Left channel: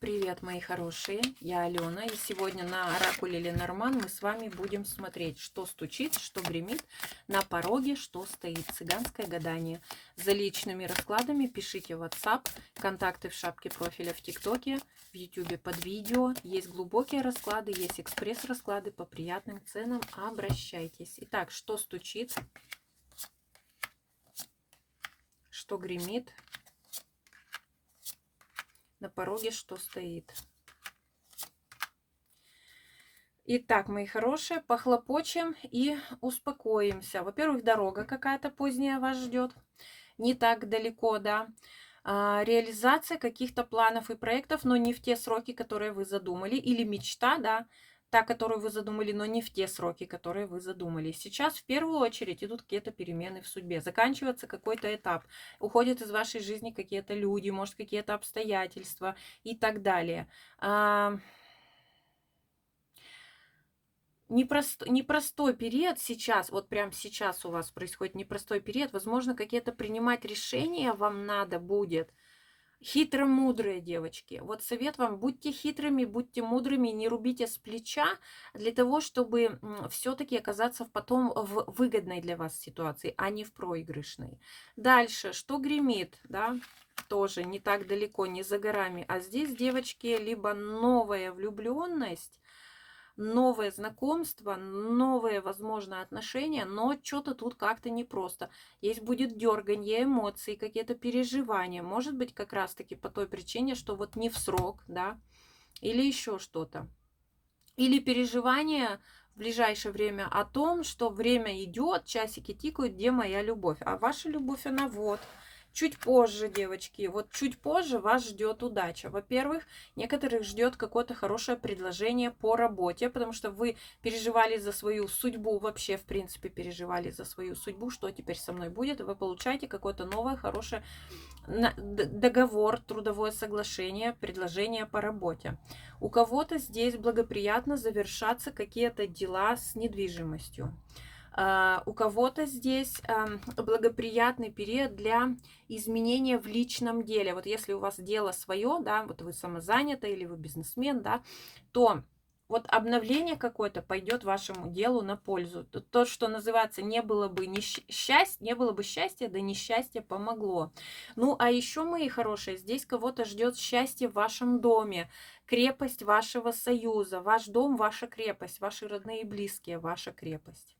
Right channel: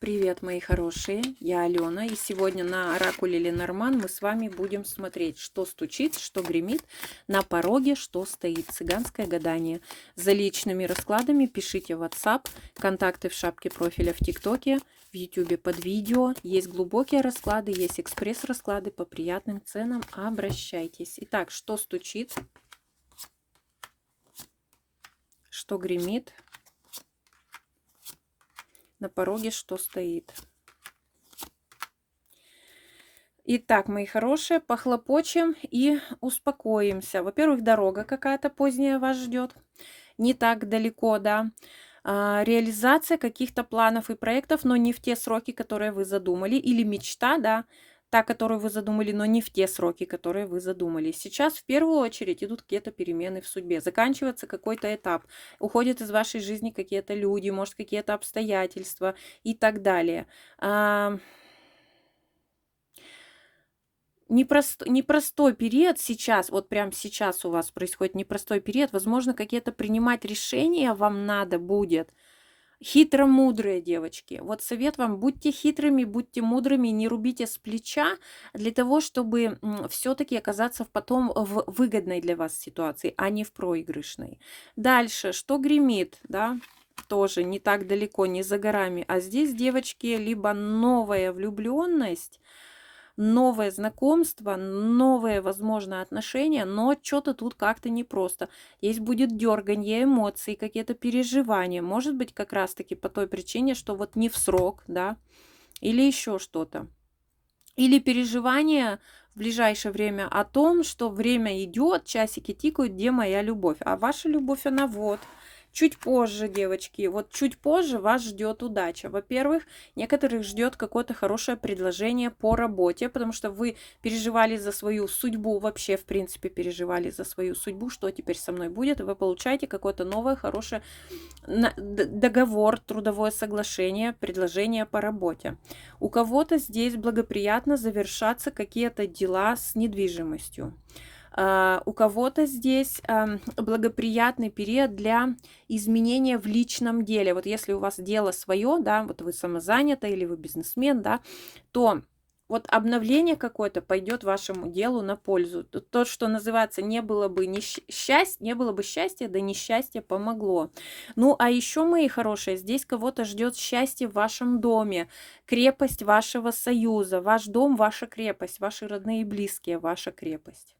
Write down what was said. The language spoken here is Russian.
Привет, мои хорошие, я Алена, и сегодня на оракуле Ленорман мы с вами будем смотреть, что стучит, что гремит на пороге, что стоит. Цыганское гадание. За личными раскладами пишите в WhatsApp, контакты в шапке профиля в ТикТоке, в YouTube под видео. Есть глубокие расклады, есть экспресс-расклады по приятным ценам. Обращайтесь. Итак, что стучит, что гремит на пороге, что стоит. Итак, мои хорошие, похлопочем и успокоимся. Во-первых, дорога какая-то поздняя вас ждет, не так далеко, да. Реализация каких-то планов и проектов, но не в те сроки, которые вы задумали. Или мечта, да, та, которую вы задумали, но не в те сроки, которые вы задумали. Сейчас в первую очередь идут какие-то перемены в судьбе. Заканчивается какой-то этап. Уходят из вашей жизни какие-то люди, может, какие-то обстоятельства и так далее. Непростой период сейчас, вот прям сейчас у вас происходит непростой период. Возможно, какие-то принимать решения вам надо будет. Хитро-мудрые, девочки. Вот совет вам: будьте хитрыми, будьте мудрыми, не рубите с плеча для того, чтобы все-таки оказаться потом в выгодной для вас ситуации, а не в проигрышной. Дальше, что гремит, да, тоже не так далеко, не за горами. А здесь, девочки, либо новая влюбленность, новое знакомство, новые, возможно, отношения, но что-то тут как-то непросто. Есть будет дерганье, эмоции, какие-то переживания. Может быть, как раз-таки по той причине, что вот не в срок, да, или еще что-то. Или переживание в ближайшее время о том, что время идет, часики тикают, где моя любовь. А ваша любовь, она вот. Чуть позже, девочки, вот чуть позже вас ждет удача. Во-первых, некоторых ждет какое-то хорошее предложение по работе, потому что вы переживали за свою судьбу, вообще, в принципе, переживали за свою судьбу, что теперь со мной будет, и вы получаете какое-то новое, хорошее договор, трудовое соглашение, предложение по работе. У кого-то здесь благоприятно завершаться какие-то дела с недвижимостью. У кого-то здесь благоприятный период для изменения в личном деле. Вот если у вас дело свое, да, вот вы самозанята или вы бизнесмен, да, то вот обновление какое-то пойдет вашему делу на пользу. То, что называется, не было бы счастья, да несчастье помогло. Ну, а еще, мои хорошие, здесь кого-то ждет счастье в вашем доме, крепость вашего союза. Ваш дом, ваша крепость, ваши родные и близкие, ваша крепость.